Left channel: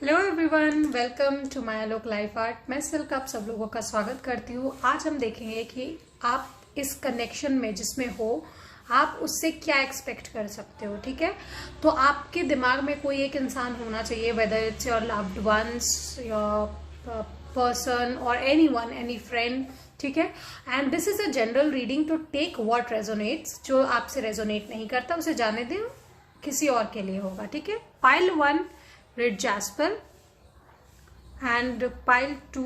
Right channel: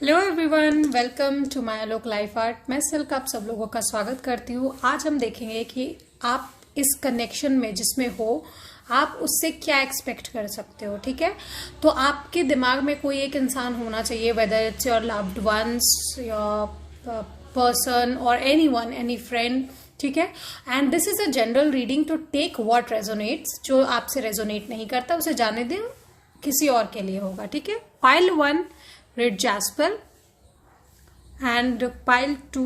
Hello everyone, welcome to my Alok life art. मैं सिल्क आप सब लोगों का स्वागत करती हूँ। आज हम देखेंगे कि आप इस कनेक्शन में जिसमें हो आप उससे क्या एक्सपेक्ट कर सकते हो। ठीक है, तो आपके दिमाग में कोई एक इंसान होना चाहिए, whether it's your loved ones, your person और एनीवन, एनी फ्रेंड। ठीक है, and this is a general reading to take what resonates. जो आपसे रेजोनेट नहीं करता उसे जाने दें, किसी और के लिए होगा। ठीक है, pile 1 red jasper and pile 2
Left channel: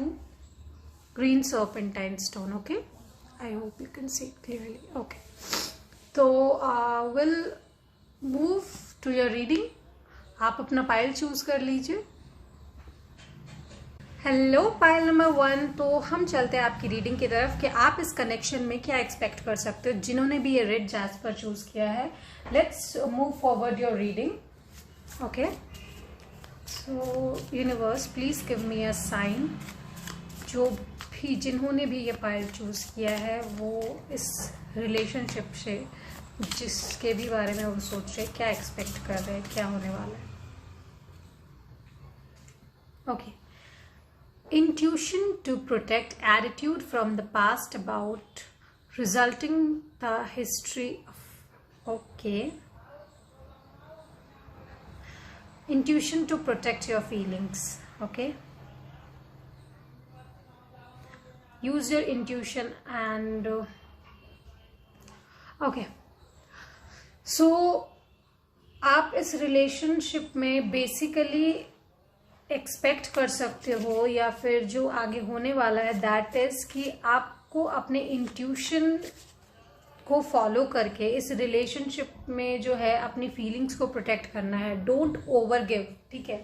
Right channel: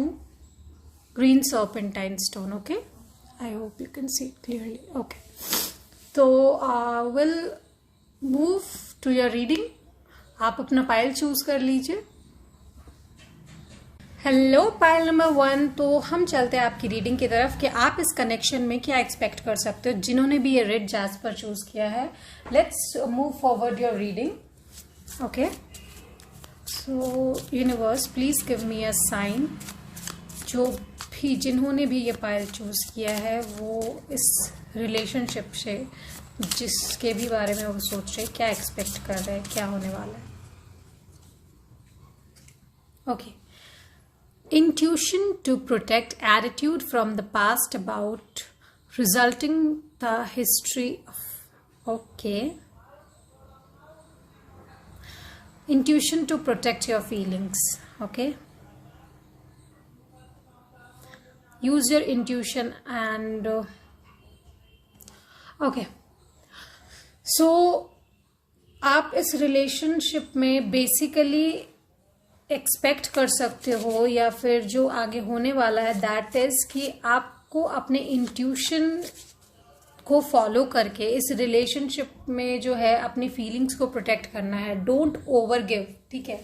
green serpentine stone. Okay, I hope you can see it clearly. Okay, so we'll move to your reading. आप अपना पाइल चूज कर लीजिए। Hello pile number 1। तो हम चलते हैं आपकी रीडिंग की तरफ कि आप इस कनेक्शन में क्या एक्सपेक्ट कर सकते हो जिन्होंने भी ये रेड जैस्पर चूज किया है। Let's move forward your reading. Okay, so universe please give me a sign. जो भी जिन्होंने भी ये पाइल चूज किया है वो इस रिलेशनशिप से जिसके भी बारे में वो सोच रहे क्या एक्सपेक्ट कर रहे हैं, क्या होने वाला है। Okay, intuition to protect attitude from the past about resulting the history of okay intuition to protect your feelings. Okay, use your intuition and okay, so आप इस रिलेशनशिप में बेसिकली एक्सपेक्ट कर सकते हो या फिर जो आगे होने वाला है दैट इज कि आपको अपने इंट्यूशन को फॉलो करके इस रिलेशनशिप में जो है अपनी फीलिंग्स को प्रोटेक्ट करना है। Don't over give. ठीक है,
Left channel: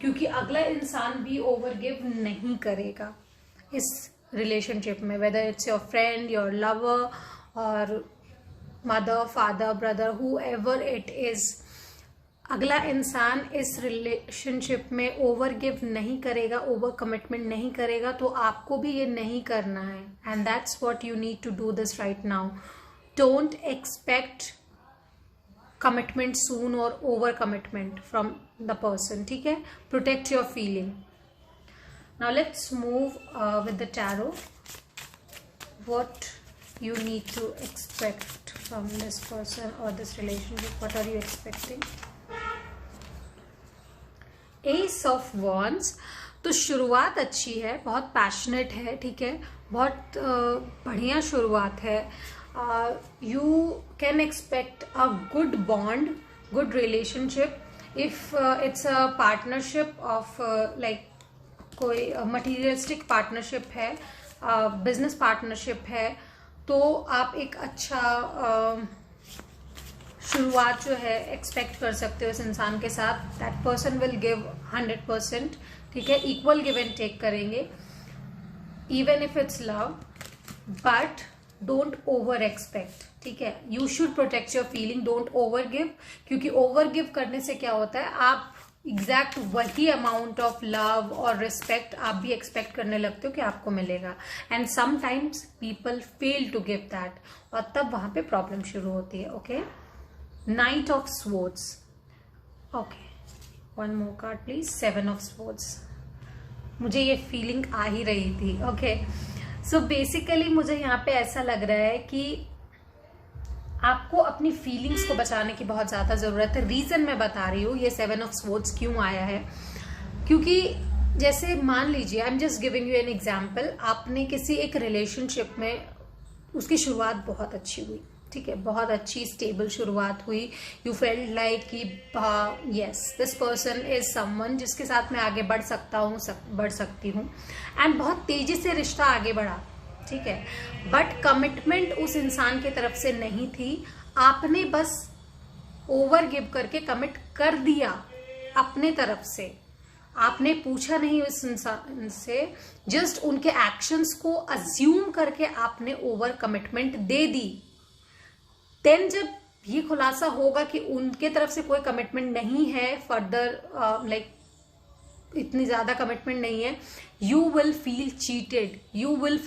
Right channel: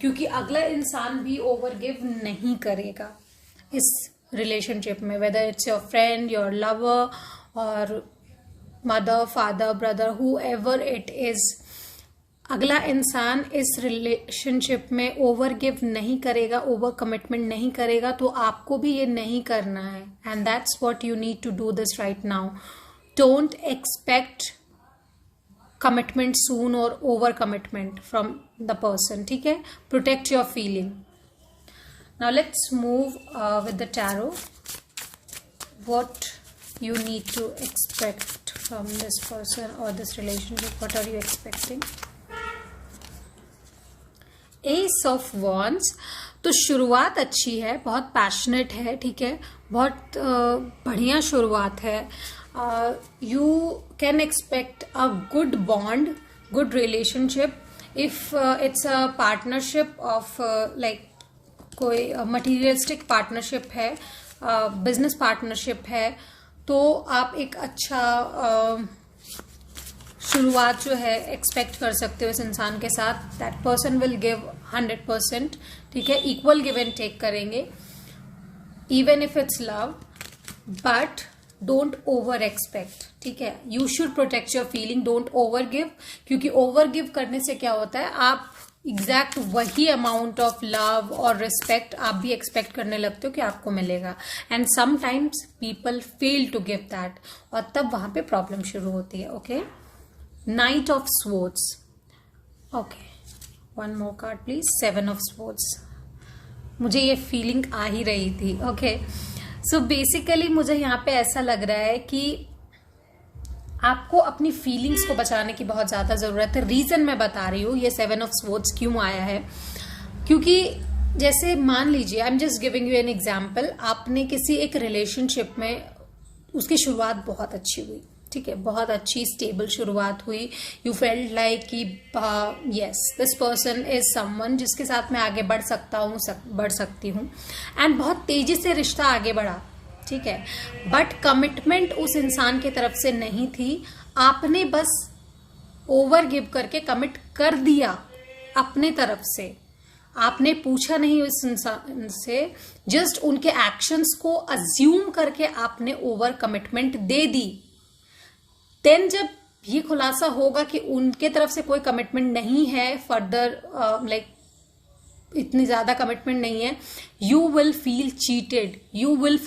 क्योंकि अगला इंसान भी ओवर गिव नहीं करेगा इस रिलेशनशिप में, whether it's your friend, your lover और mother, father, brother, whoever it is. अगला इंसान इस रिलेशनशिप में ओवर गिव नहीं करेगा, ओवर कमिटमेंट नहीं करेगा, तो आपको भी ये नहीं करना है। And that's what you need to do this right now. Don't expect commitment soon और over commitment from the person. ठीक है, protect your feeling. Now let's move with the tarot. What you need to expect from this person or this relationship. What are you expecting? S of wands. तो शुरुआत अच्छी है, बहुत passionate है। ठीक है, बहुत बढ़िया शुरुआत है। You can expect a good bond, good relationship. If it's a partnership of like कोई मटीरियलिस्टिक पार्टनरशिप है, बिजनेस पार्टनरशिप है, तो आप एक अच्छा शुरुआत जो है एक्सपेक्ट कर सकते हो इस इंसान के साथ। That person will give 100%। ठीक है, इक्वल गिव एंड टेक करेंगे, even if it's love, but don't over expect. ठीक है, you should protect your feeling, don't over give, क्योंकि ओवर गिव करने से क्या होता है, आप एग्जैक्ट वही अमाउंट ऑफ लव और रिस्पेक्ट आप भी एक्सपेक्ट करने लगते हो कि आपको मिलेगा। And sometimes people fail to give that, और तब वहां पे प्रॉब्लम शुरू होती है। Okay, night of swords. Okay, one more card please. 7 of swords. मुझे ये फीलिंग आ ही रही थी। ओके, सो बेसिकली मुझे यहाँ पे ऐसा लग रहा है कि आपको अपनी फीलिंग्स को बचाने की बहुत ज्यादा जरूरत है। रीजन मैं बता रही हूँ ये 7 ऑफ स्वॉर्ड्स क्यों आया है, क्योंकि जैसे मान लीजिए, I am just giving you an example, आपने किसी एक रिलेशनशिप में, उसकी शुरुआत बहुत अच्छी हुई। ठीक है, बहुत अच्छी स्टेबल शुरुआत हुई। यू फेल्ट लाइक कि yes this person is someone जिसके साथ मैं आगे बढ़ सकता हूँ, बढ़ सकती हूँ, एंड बहुत तेजी से रिश्ता आगे बढ़ा। ठीक है, बट कमिटमेंट उस इंसान की तरफ से नहीं थी। आपने बस ओवर गिव करके कमिट कर दिया अपने तरफ से, आपने पूछा नहीं उस इंसान से, जस्ट उनके एक्शंस को अज्यूम करके आपने ओवर कमिटमेंट दे दी। देन जब ये खुलासा होगा कि उनके तरफ से कोई कमिटमेंट नहीं है फर्दर, लाइक इतनी ज्यादा कमिटमेंट नहीं है, you will feel cheated, you will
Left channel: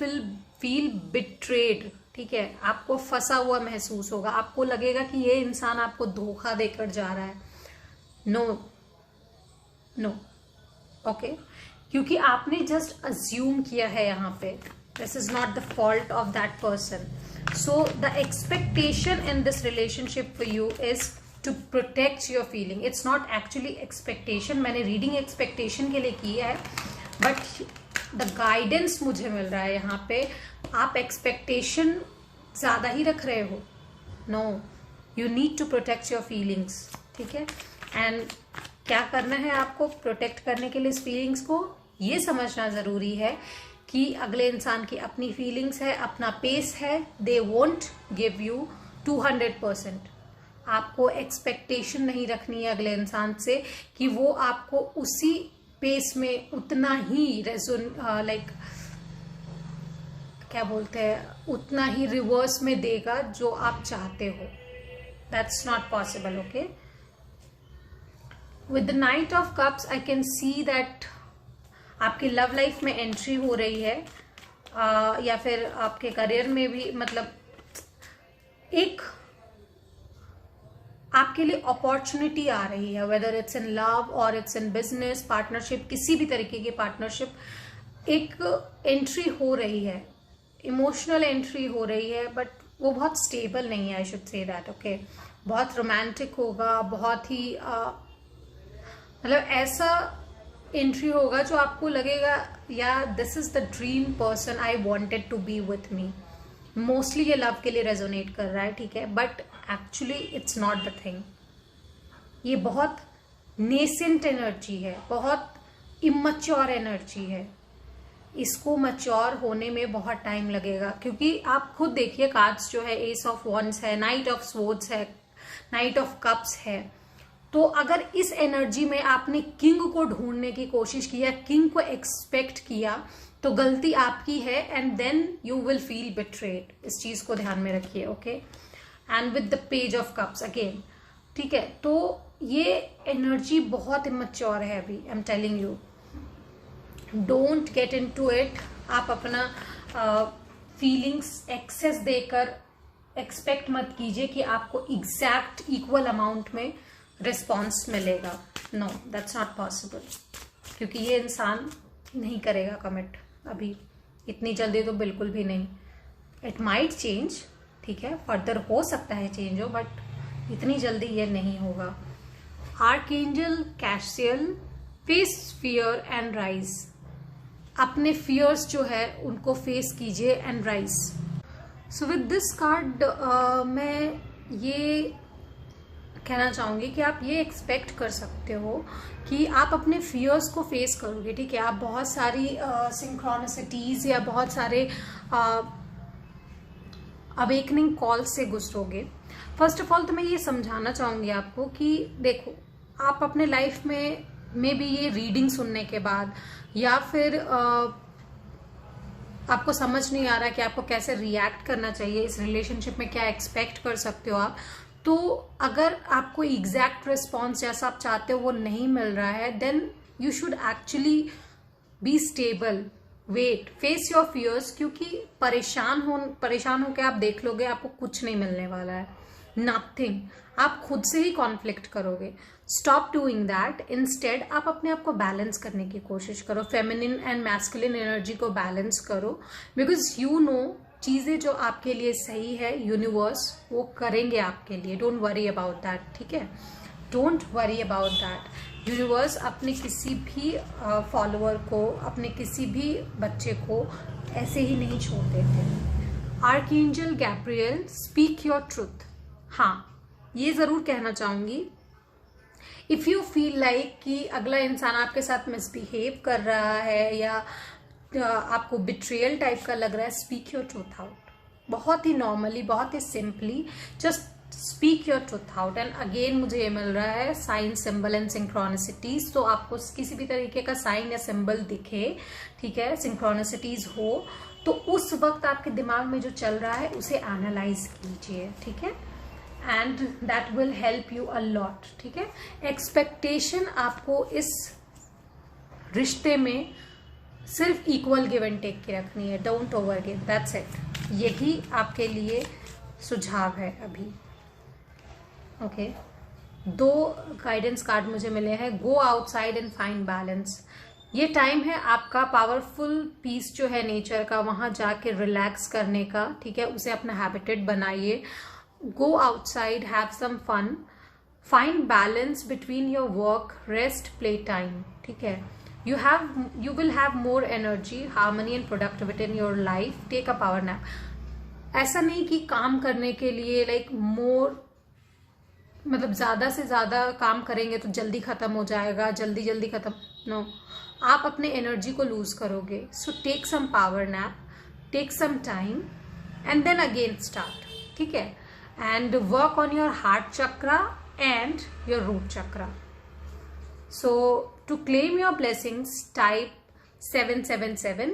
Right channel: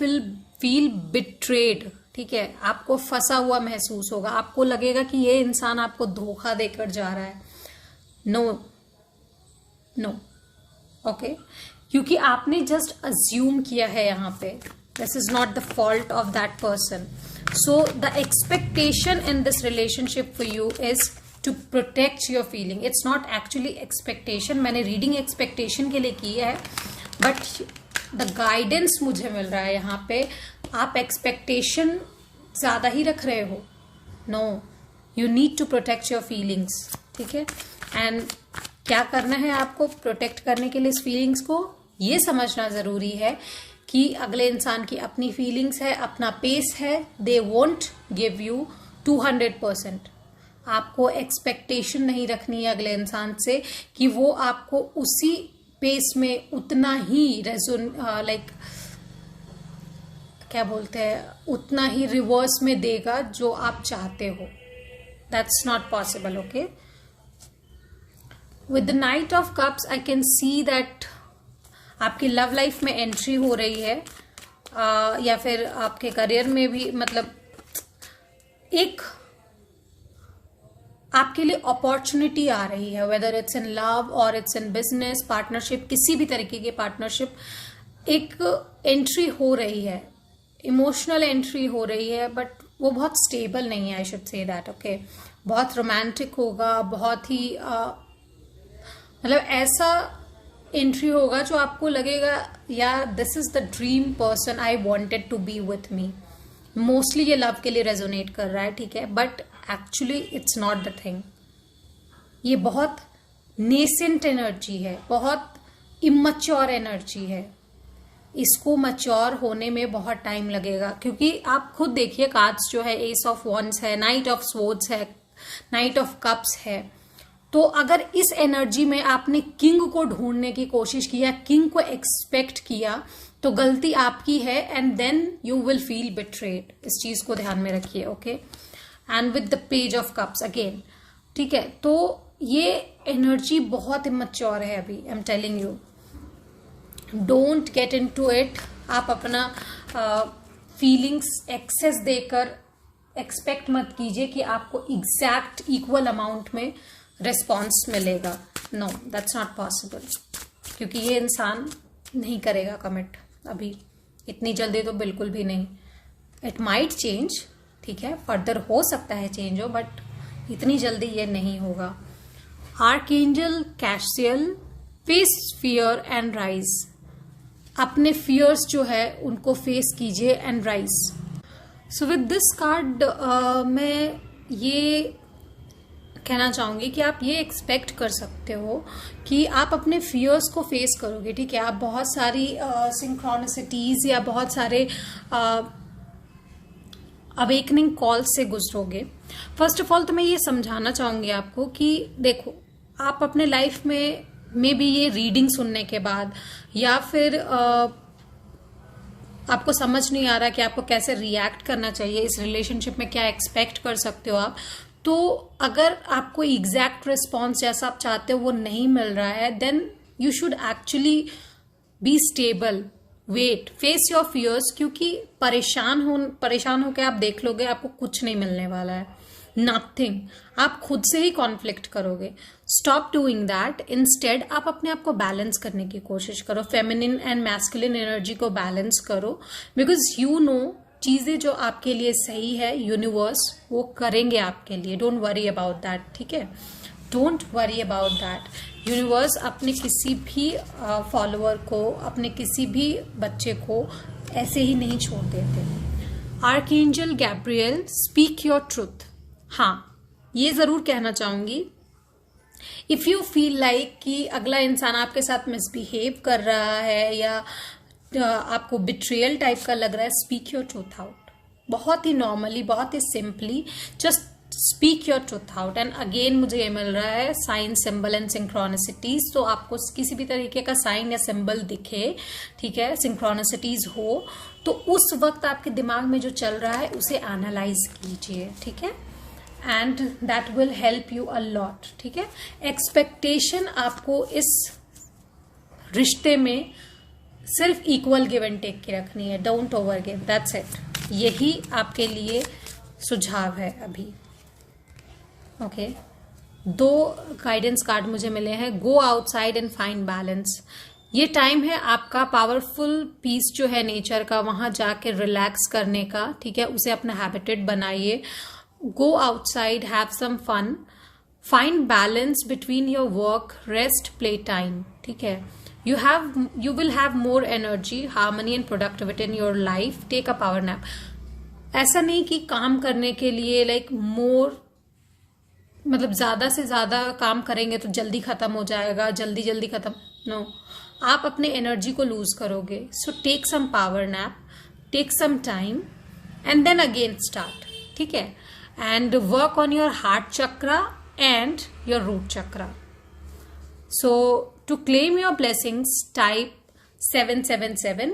feel betrayed. ठीक है, आपको फंसा हुआ महसूस होगा, आपको लगेगा कि ये इंसान आपको धोखा देकर जा रहा है। नो नो, ओके, क्योंकि आपने जस्ट अज्यूम किया है यहाँ पे. This is not the fault of that person. So the expectation in this relationship for you is to protect your feeling. It's not actually expectation. मैंने रीडिंग एक्सपेक्टेशन के लिए की है, बट द गाइडेंस मुझे मिल रहा है यहाँ पे आप एक्सपेक्टेशन ज्यादा ही रख रहे हो. No, you need to protect your feelings. ठीक है, एंड क्या करना है आपको प्रोटेक्ट करने के लिए इस फीलिंग्स को? ये समझना जरूरी है कि अगले इंसान की अपनी फीलिंग्स है, अपना पेस है. They won't give you 200%. आपको एक्सपेक्टेशन नहीं रखनी है अगले इंसान से कि वो आपको उसी पेस में उतना ही लाइक क्या बोलते हैं, उतना ही रिवर्स में देगा जो आप चाहते हो. That's not possible. Okay, with the night of cups I can see that आपकी लव लाइफ में एंट्री हो रही है, या फिर आपके करियर में भी, मतलब एक आपके लिए अपॉर्चुनिटी आ रही है, वेदर इट्स इन लव और इट्स इन बिजनेस पार्टनरशिप, किसी भी तरीके की पार्टनरशिप. एक एंट्री हो रही है, इमोशनल एंट्री हो रही है, बट वो बहुत स्टेबल नहीं है. I should say that. Okay, बहुत रोमांटिक होगा, बहुत ही मतलब ऐसा एंट्री होगा जो आपको लगेगा या this is the dream person I wanted to be with me. Mostly ये लव के लिए रेजोनेट कर रहा है. ठीक है, but actually it's not the thing. ये बहुत नेसेंट एनर्जी है, बहुत इमैच्योर एनर्जी है. इसको मैच्योर होने में बहुत टाइम लगेगा, क्योंकि आप खुद देखिए कार्ड्स जो है, एस ऑफ वॉन्ड्स है, नाइट ऑफ स्वॉर्ड्स है, नाइट ऑफ कप्स है. तो अगर इस एनर्जी में आपने किंग को ढूंढने की कोशिश किया, किंग को एक्सपेक्ट किया, तो गलती आपकी है. And then you will feel betrayed. इस चीज को ध्यान में रखिए. Okay, and with the page of cups again. ठीक है, तो ये एनर्जी बहुत इमैच्योर है अभी. I am telling you, don't get into it. आप अपना फीलिंग्स एक्सेस देकर एक्सपेक्ट मत कीजिए कि आपको एग्जैक्ट इक्वल अमाउंट में रिस्पॉन्स मिलेगा. नो, दैट्स नॉट पॉसिबल, क्योंकि ये इंसान नहीं करेगा कमिट अभी, इतनी जल्दी तो बिल्कुल भी नहीं. It might change. ठीक है, फर्दर हो सकता है चेंज हो, बट इतनी जल्दी ये नहीं होगा. Archangel Cassiel, face fear and rise. अपने फियर्स जो है उनको फेस कीजिए and rise. So with this card मैं ये कहना चाहूंगी कि आप ये एक्सपेक्ट कर सकते हो कि आप अपने फियर्स को फेस करोगे. ठीक है, आप बहुत सारी सिंक्रोनिसिटीज या बहुत सारे अवेकनिंग कॉल से गुजरोगे. फर्स्ट ऑफ ऑल तो मैं ये समझाना चाहूंगी आपको कि देखो, आप अपने लाइफ में भी ये रीडिंग सुनने के बाद या फिर आपको समझ नहीं आ रहा कि आपको कैसे रिएक्ट करना चाहिए इस रिलेशनशिप में, क्या एक्सपेक्ट कर सकते हो आप, तो अगर आपको एग्जैक्ट रिस्पॉन्स जैसा आप चाहते हो वो नहीं मिल रहा है, then you should actually be stable, wait, face your fears. क्योंकि परेशान होकर आप देख लोगे आपको कुछ नहीं मिलने वाला है, नथिंग. आप खुद से ही कॉन्फ्लिक्ट करोगे. Stop doing that. इंस्टेड आप अपने आप को बैलेंस करने की कोशिश करो. फेमिनिन एंड मैस्कुलिन एनर्जी को बैलेंस करो, बिकॉज यू नो चीजें जो आपके लिए सही है, यूनिवर्स वो करेंगे आपके लिए. Don't worry about that. ठीक है, don't worry about that. Universe अपने किसी भी फॉलोअर को, अपने किसी भी बच्चे को ऐसे ही नहीं छोड़ देते. Archangel Gabriel, speak your truth. हाँ, ये जरूर कहना चाहूंगी, इफ यू फील लाइक कि अगला इंसान आपके साथ मिसबिहेव कर रहा है या आपको बिट्रियल टाइप का लग रहा है, स्पीक योर ट्रूथ आउट. बहुत ही नॉर्मली, बहुत ही simply, just speak your truth out. And again मुझे ये मिल रहा है साइन, सिंबल एंड सिंक्रोनिसिटीज. तो आपको किसी भी तरीके का साइन या सिंबल दिखे, ठीक है, सिंक्रोनिसिटीज हो, तो उस वक्त आपके दिमाग में जो चल रहा है उसे एनालाइज कीजिए. ठीक है, and that will help you a lot. ठीक है, एक्सपेक्टेशन आपको इस रिश्ते में सिर्फ इक्वल गिव एंड टेक की रखनी है. Don't over give, that's it. यही आपके लिए सुझाव है अभी. ओके, 2 गाइडेंस कार्ड मुझे मिले हैं. Go outside and find balance. ये टाइम है आपका पावरफुल पीस जो है नेचर का, वहां जाके रिलैक्स करने का, ठीक है। उसे अपना हैबिटेट बनाइए। Go outside, have some fun, find balance between your work, rest, play time, ठीक है। you will have more energy, harmony and productivity in your life. Take a power nap. ऐसा नहीं कि काम करने के लिए मोर, मतलब ज्यादा से ज्यादा काम करेंगे तो जल्दी खत्म हो जाएगा, जल्दी जल्दी खत्म, नो, आप अपने एनर्जी को लूज करोगे। So take some power nap, take some time and then again start, ठीक है। And work on your heart chakra and your root chakra. So to claim your blessings, type 777.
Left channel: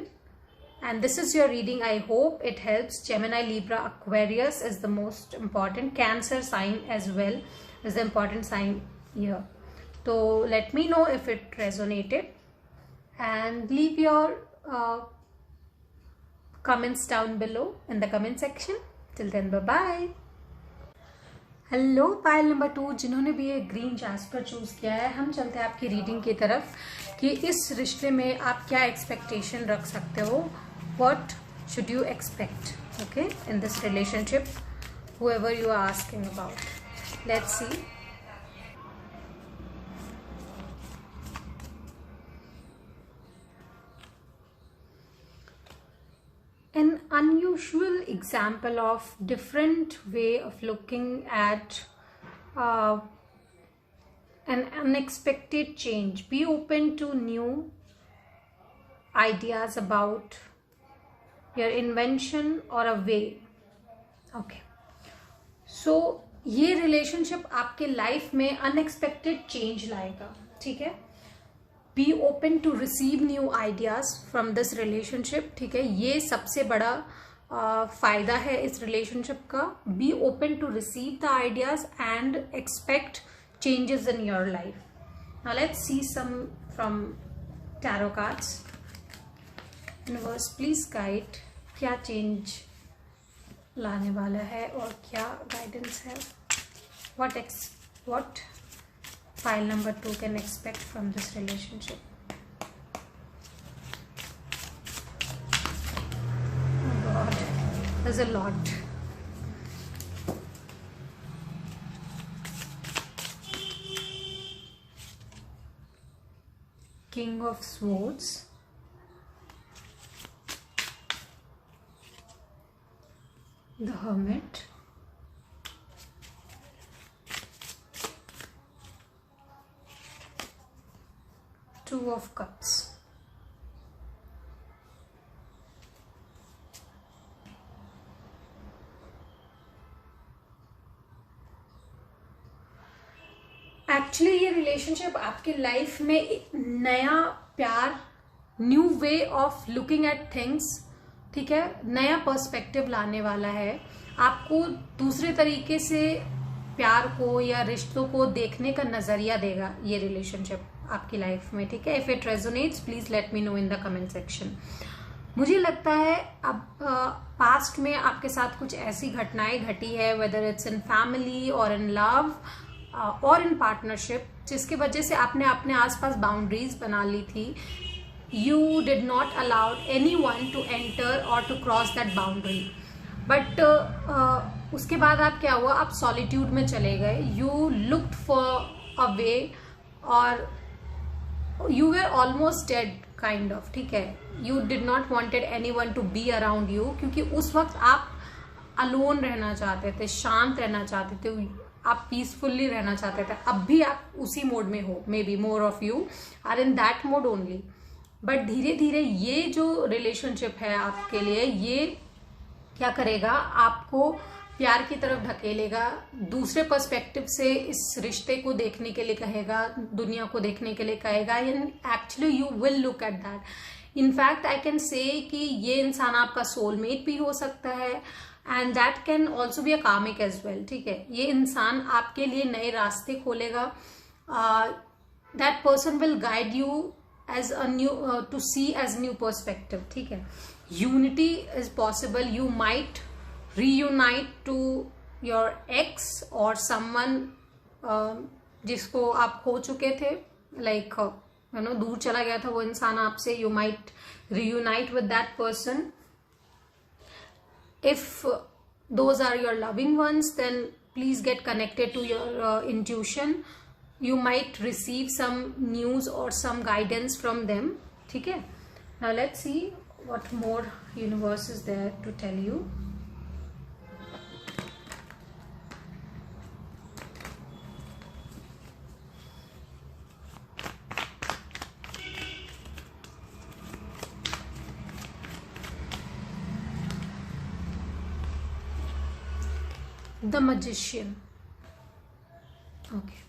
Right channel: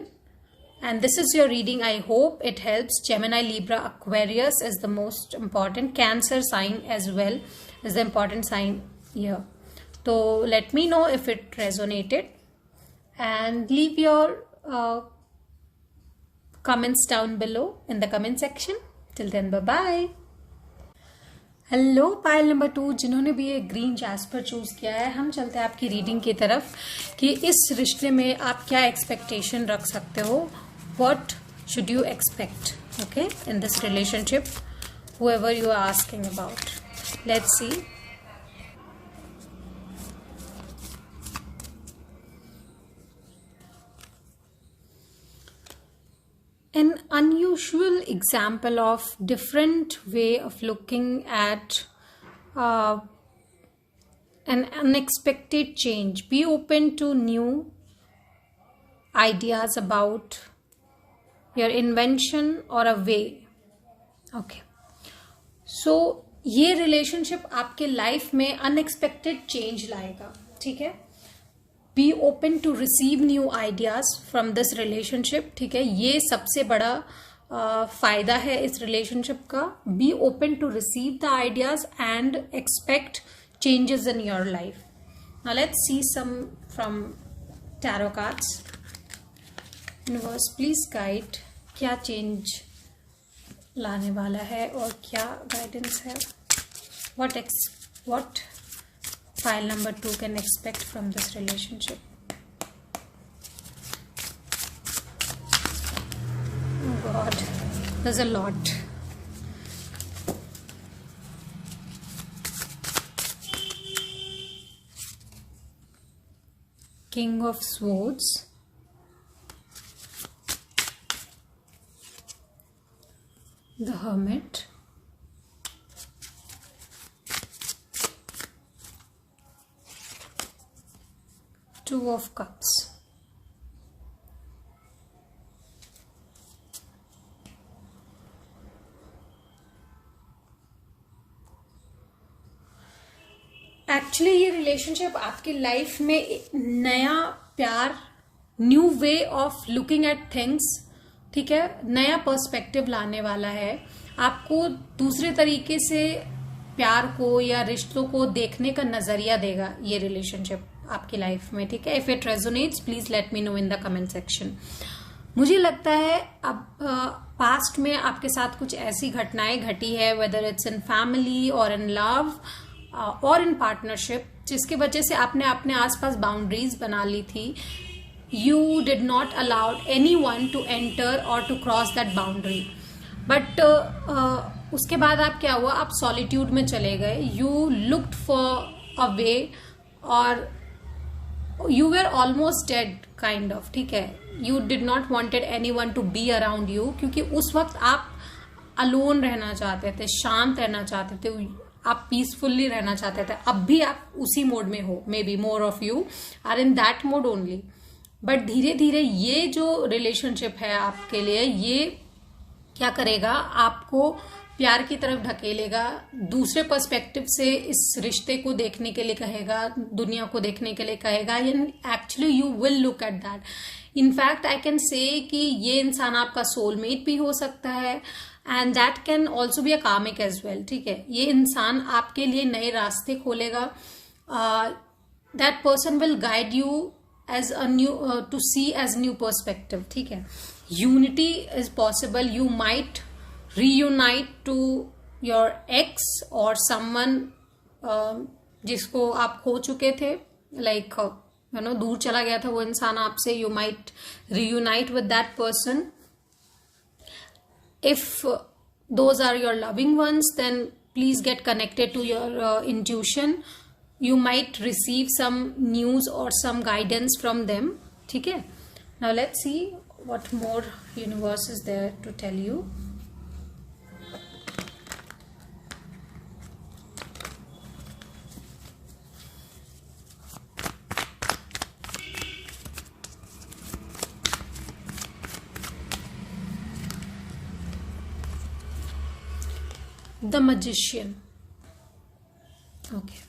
And this is your reading. I hope it helps. Gemini, Libra, Aquarius is the most important. Cancer sign as well is the important sign here. So let me know if it resonated. And leave your comments down below in the comment section. Till then, bye-bye. Hello pile number 2, जिन्होंने भी ये green jasper choose किया है, हम चलते हैं आपकी reading की तरफ कि इस रिश्ते में आप क्या एक्सपेक्टेशन रख सकते हो। What should you expect, okay, in this relationship, whoever you are asking about. Let's see. An unusual example of different way of looking at an unexpected change. Be open to new ideas about your invention or a way. Okay. So ये relationship आपके life में unexpected change लाएगा, ठीक है। Be open to receive new ideas from this relationship, ठीक है। ये सबसे बड़ा फायदा है इस रिलेशनशिप का। Be open to receive the ideas and expect changes in your life. Now let's see some from tarot cards. Universe please guide, क्या चेंज लाने वाला है और क्या गाइडेंस है। what file number 2 can expect from this relationship. Oh God, there's a lot. King of Swords, the Hermit, Two of Cups, actually ये relationship आपकी life में एक नया प्यार, new way of looking at things, ठीक है, नया पर्सपेक्टिव लाने वाला है। आपको दूसरे तरीके से प्यार को या रिश्तों को देखने का नजरिया देगा ये रिलेशनशिप आपकी लाइफ में, ठीक है। If it resonates please let me no in the comment section. मुझे लगता है अब पास्ट में आपके साथ कुछ ऐसी घटनाएं घटी है, वेदर इट्स इन फैमिली और इन लव और इन पार्टनरशिप, जिसकी वजह से आपने अपने आसपास बाउंड्रीज बना ली थी। You did not allowed any one to enter और to cross that boundary, but उसके बाद आप क्या हुआ, आप सॉलिट्यूड में चले गए। You looked for a way और you were almost dead kind of, ठीक है। You did not wanted any one to be around you, क्योंकि उस वक्त आप अलोन रहना चाहते थे, शांत रहना चाहते थे, आप पीसफुल्ली रहना चाहते थे। अब भी आप उसी मोड में हो, maybe more of you are in that mode only. But धीरे धीरे ये जो रिलेशनशिप है आपके लिए, ये क्या करेगा, आपको प्यार की तरफ ढकेलेगा, दूसरे पर्सपेक्टिव से इस रिश्ते को देखने के लिए कहेगा, दुनिया को देखने के लिए कहेगा। Actually you will look at that. In fact I can say कि ये इंसान आपका सोलमेट भी हो सकता है and that can also be a कार्मिक एज वेल, ठीक है। ये इंसान आपके लिए नए रास्ते खोलेगा। That person will guide you as a new to see as new perspective, ठीक है। Unity is possible. You might reunite to your ex or someone जिसको आप खो चुके थे, like दूर चला गया था वो इंसान आपसे, you might reunite with that person. If those are your loving ones, then please get connected to your intuition. You might receive some news or some guidance from them. ठीक है, now let's see what more universe is there to tell you. The Magician. Okay.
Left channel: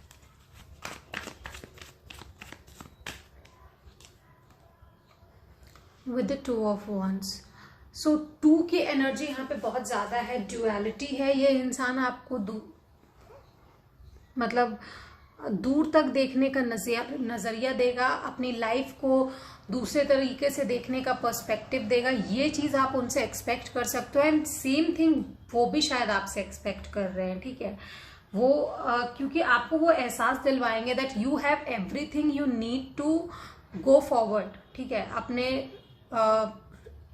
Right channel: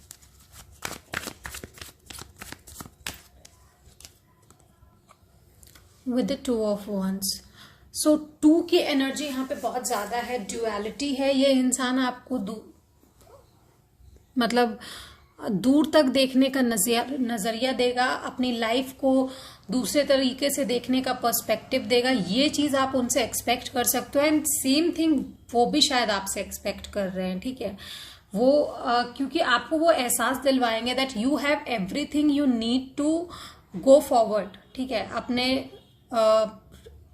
With the Two of Wands. So 2 की energy यहाँ पे बहुत ज़्यादा है, duality है. ये इंसान आपको मतलब दूर तक देखने का नज़रिया देगा, अपनी लाइफ को दूसरे तरीके से देखने का पर्सपेक्टिव देगा. ये चीज़ आप उनसे एक्सपेक्ट कर सकते हो. एंड सेम थिंग वो भी शायद आपसे एक्सपेक्ट कर रहे हैं. ठीक है, वो क्योंकि आपको वो एहसास दिलवाएंगे that you have everything you need to go forward. ठीक है, अपने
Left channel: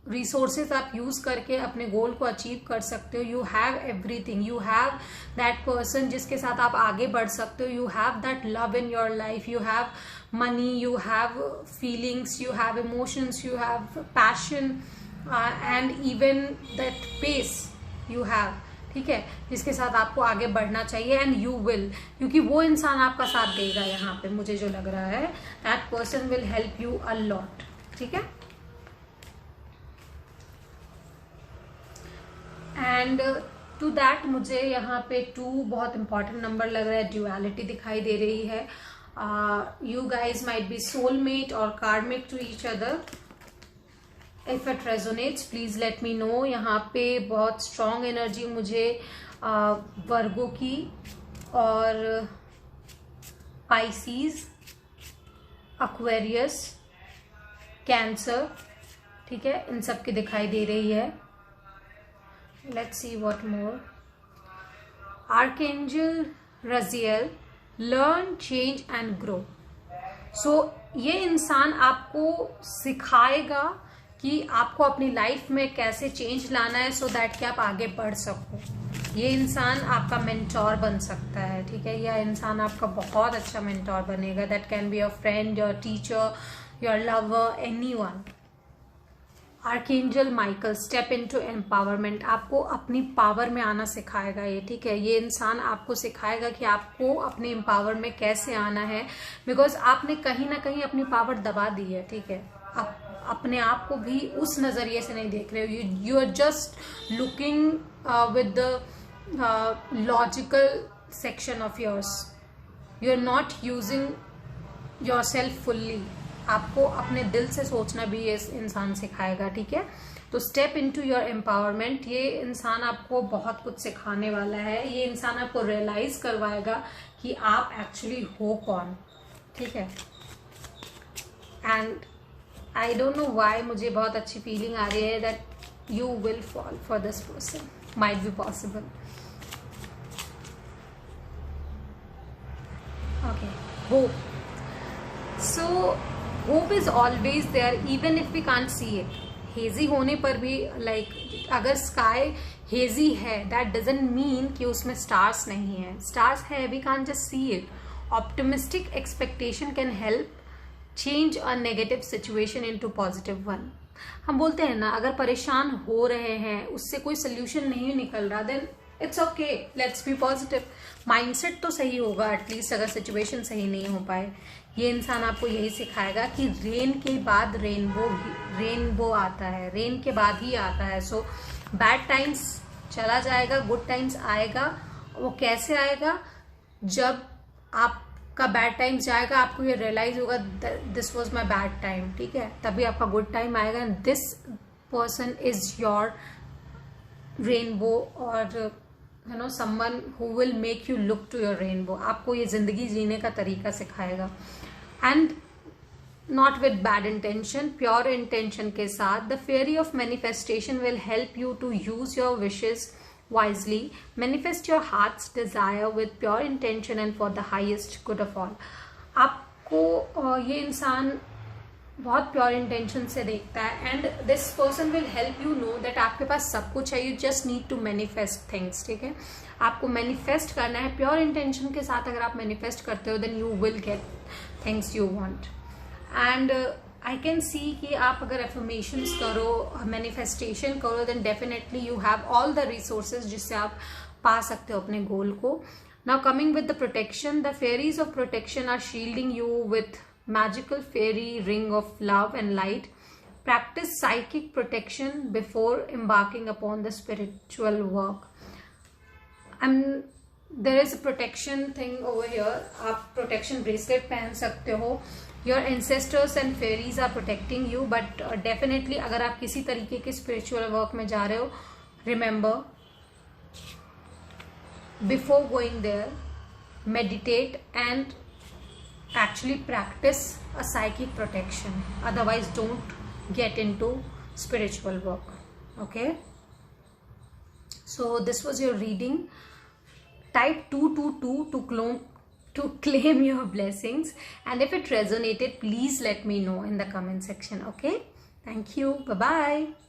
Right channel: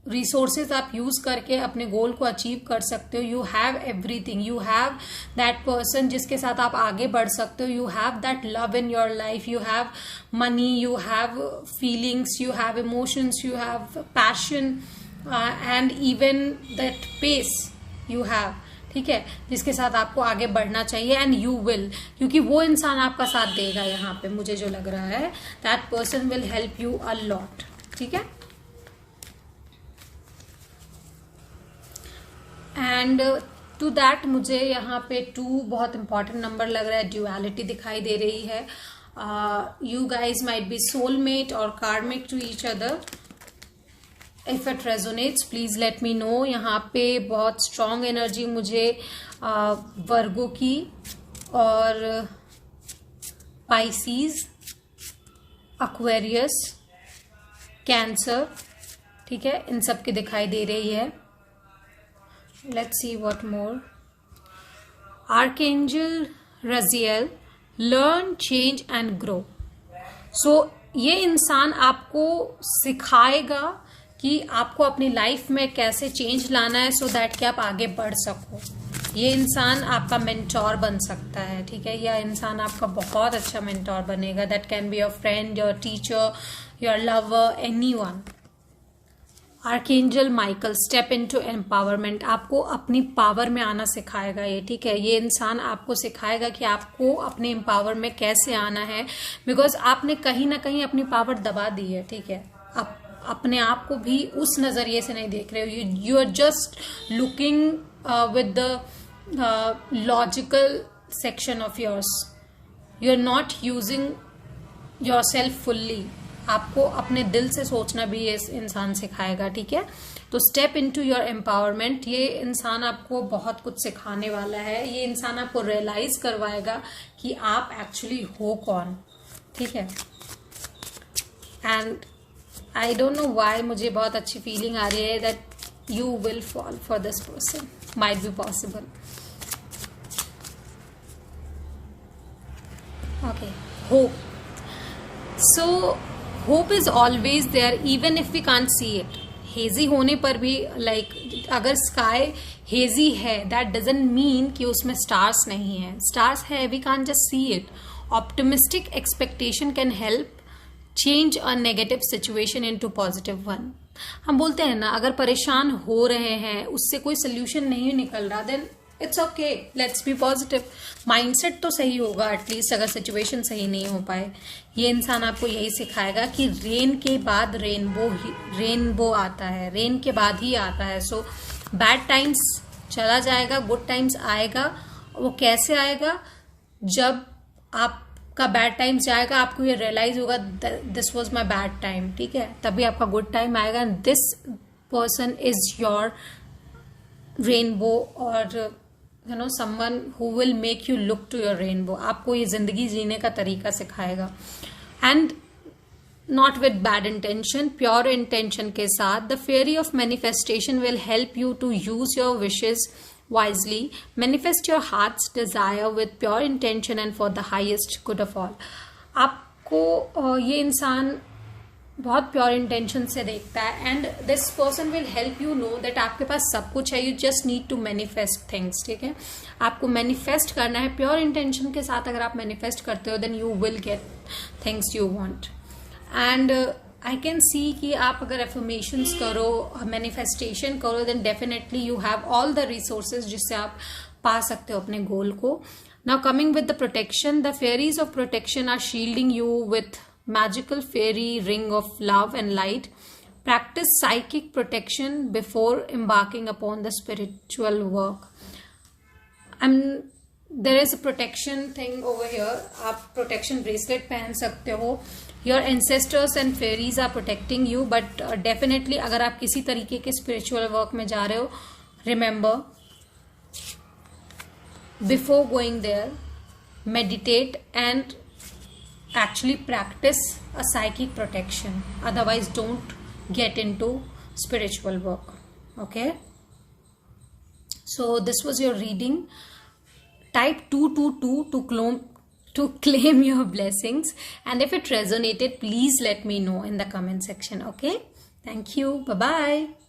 रिसोर्सेज आप यूज करके अपने गोल को अचीव कर सकते हो. You have everything, you have that person जिसके साथ आप आगे बढ़ सकते हो. You have that love in your life, you have money, you have feelings, you have emotions, you have passion and even that pace you have. ठीक है, जिसके साथ आपको आगे बढ़ना चाहिए. एंड यू विल, क्योंकि वो इंसान आपका साथ देगा. यहाँ पे मुझे जो लग रहा है that person will help you a lot. ठीक है, एंड टू दैट मुझे यहाँ पे 2 बहुत इंपॉर्टेंट नंबर लग रहा है. ड्यूअलिटी दिखाई दे रही है. You guys might be soulmate और karmic to each other. If it resonates please let me know. यहाँ पे बहुत स्ट्रॉन्ग एनर्जी मुझे वर्गो की और पाइसीज, एक्वेरियस, कैंसर, ठीक है, इन सब की दिखाई दे रही है. Let's see what more. Archangel Raziel, learn, change and grow. So ये इंसान आपको सिखाएगा कि आपको अपनी लाइफ में कैसे चेंज लाना है सो दैट कि आप आगे बढ़ सको. ये इंसान आपका मेंटोर बन सकता है. ठीक है, यह इंसान आपका बहुत अच्छा मेंटोर बनेगा. That can be your friend, your teacher, your lover, anyone. Archangel Michael, step into empowerment. आपको अपनी पावर में आना सिखाएगा ये. ठीक है, ये इंसान आपको सिखाएगा कि आपको अपने एम्पावर में कैसे आना है. बिकॉज आपने कहीं ना कहीं अपनी पावर दबा दी है. ठीक है, आप अपने आप को भी उस नजरिए से नहीं देख रहे हो. You are just looking with the logical section of yours. You are not using yourself fully. आपको अपने दिल से सोचना भी ये इंसान सिखाएगा. ठीक है, तो स्टेप इनटू योर एम्पावरमेंट. ये इंसान आपको बहुत कुछ सिखाने वाला है. ये इंसान आपको रियलाइज करवाएगा कि आप एक्चुअली हो कौन. ठीक है, and I don't know why मुझे बहुत अच्छी फीलिंग आ रही है that you will fall for this person. Might be possible. Okay, hope. So hope is always there even if we can't see it. Hazy होने पर भी लाइक अगर स्काई हेजी है दैट डजंट मीन कि उसमें स्टार्स नहीं है. Stars है, we can't just see it. Optimistic expectation can help change a negative situation into positive one. हम बोलते हैं ना, अगर परेशान हो रहे हैं, उससे कोई सोल्यूशन नहीं निकल रहा, then it's okay, let's be positive. Mindset तो सही होगा एटलीस्ट अगर सिचुएशन सही नहीं हो पाए. ये इंसान आपको यही सिखाएगा कि रेन के बाद रेनबो आता है. रेन के बाद ही आता है. सो बैड टाइम्स चला जाएगा, गुड टाइम्स आएगा. वो कैसे आएगा? जब आपका बैड टाइम्स जाएगा, आपको ये रियलाइज होगा this was my bad time. ठीक है, तभी आपका गुड टाइम आएगा. And this person is your rainbow और you know someone who will make you look to your rainbow. आपको ये जिंदगी जीने का तरीका सिखाएगा. And not with bad intention, pure intention के साथ. The fairy of manifestation will help you to use your wishes wisely. Manifest your heart's desire with pure intention and for the highest good of all. आप आपको ये इंसान बहुत pure intention से देखता है, and this person will help you know that आपके पास सब कुछ है, you just need to manifest things, ठीक है। आपको मैनिफेस्ट करना है प्योर इंटेंशन के साथ। अगर आप मैनिफेस्ट करते हो then you will get things you want. And I can see कि आप अगर एफर्मेशंस करो, मैनिफेस्टेशन करो, then definitely you have all the resources जिससे आप पा सकते हो अपने गोल को। Now coming with the protection, the fairies of protection are shielding you with magical fairy ring of love and light. Practice psychic protection before embarking upon the spiritual work. There is a protection thing over here. आप protection bracelet पहन सकते हो. Your ancestors and fairies are protecting you, but definitely अगर आप किसी तरीके के spiritual work में जा रहे हो, remember before going there, meditate and actually practice a psychic protection. Otherwise don't get into spiritual work. Okay, so this was your reading. Type 222 to claim your blessings, and if it resonated, please let me know in the comment section. Okay, thank you, bye bye.